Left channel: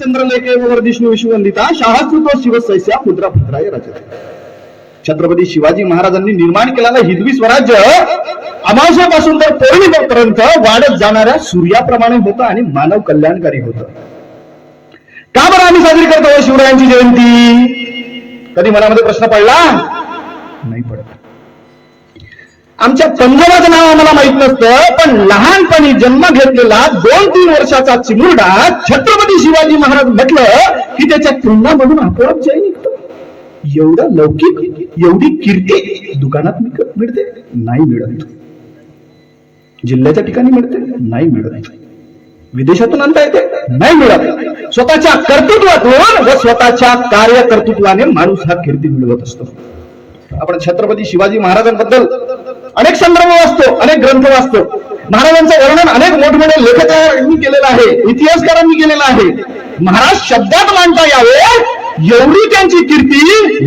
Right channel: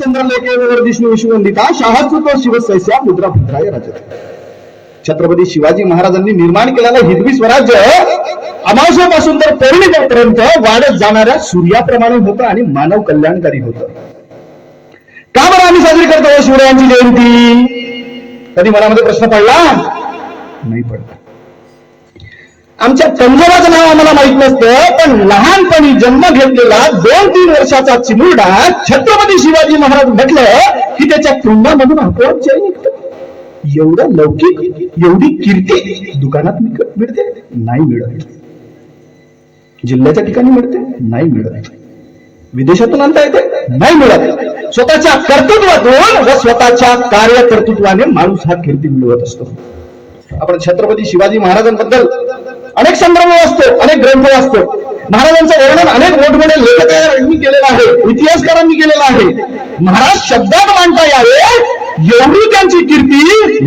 चंद्रलेखेवर विष्णू विश्ववंदिता शाळास्तुत्व शिवसैस्या मुद्रा पुत्राय रचते. छत्रपती शिवाजी महाराजांनी निर्माण केलेलं हिंदवी स्वराज्य अमावस्येपासून तर पौर्णिमेपर्यंत वाढत जाणाऱ्या सूर्याप्रमाणे होतं आणि मानव कल्याणकारी होतं. का बरं आम्ही साजरी करतो शिवरायांची जयंती? कधी मनामध्ये प्रश्न पडला नाही पडत. आमच्या पंजोबाचं नाव आम्हाला माहित नसतं, पण लहानपणी जन्म घेतलेला 2-3 वर्षाचा चिमुरडा छत्रपती शिवाजी महाराज म्हटलं की त्याच्या तोंडामधून आपोआप जय निघतं. एवढा लौकिक, एवढी कीर्ती दुकानात मिळते? नाही मिळत. जिल्ह्याच्या ठिकाणी मिळते? नाही मिळत. विदेशातून आणता येते? नाही मिळत. स्वतःच्या कर्तृत्वातून व स्वतःच्या कार्यकर्तृत्वाने माणूस हा कीर्ती मिळवत असतो. आपण छत्रपती शिवाजी महाराजांबद्दल अनेक संदर्भ वाचतो, अनेक ग्रंथ वाचतो. महाराजांचं वर्णन अनेक मोठमोठ्या लेखकांनी केलेलं आहे, इतिहासकारांनी केलेलं आहे. महाराज शब्दात मांडता यावे एवढी त्यांची कीर्ती